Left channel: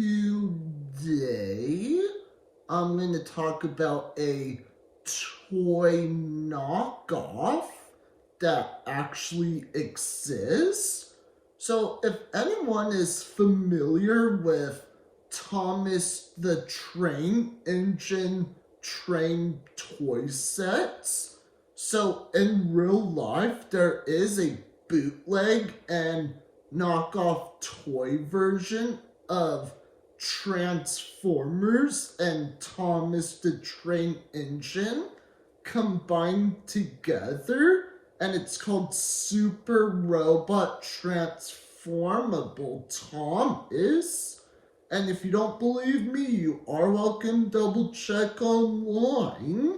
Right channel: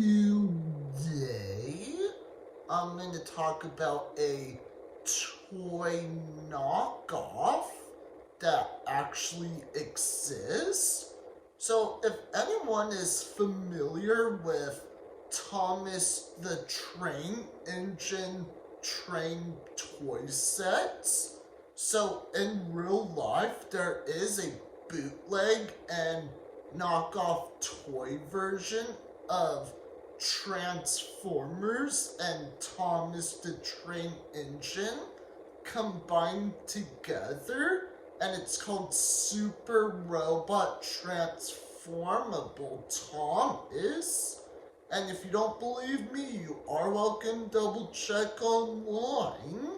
Today, I'm going to talk about a toy knockoff that actually exists. So, if anyone is familiar with Thomas the Train Engine train toy sets, so in real life, there is a bootleg and knockoff toy version of Transformers and Thomas the Train Engine combined together, and it's called Super Robot Transformable Thomas. And if you don't believe me, you are welcome to double check online.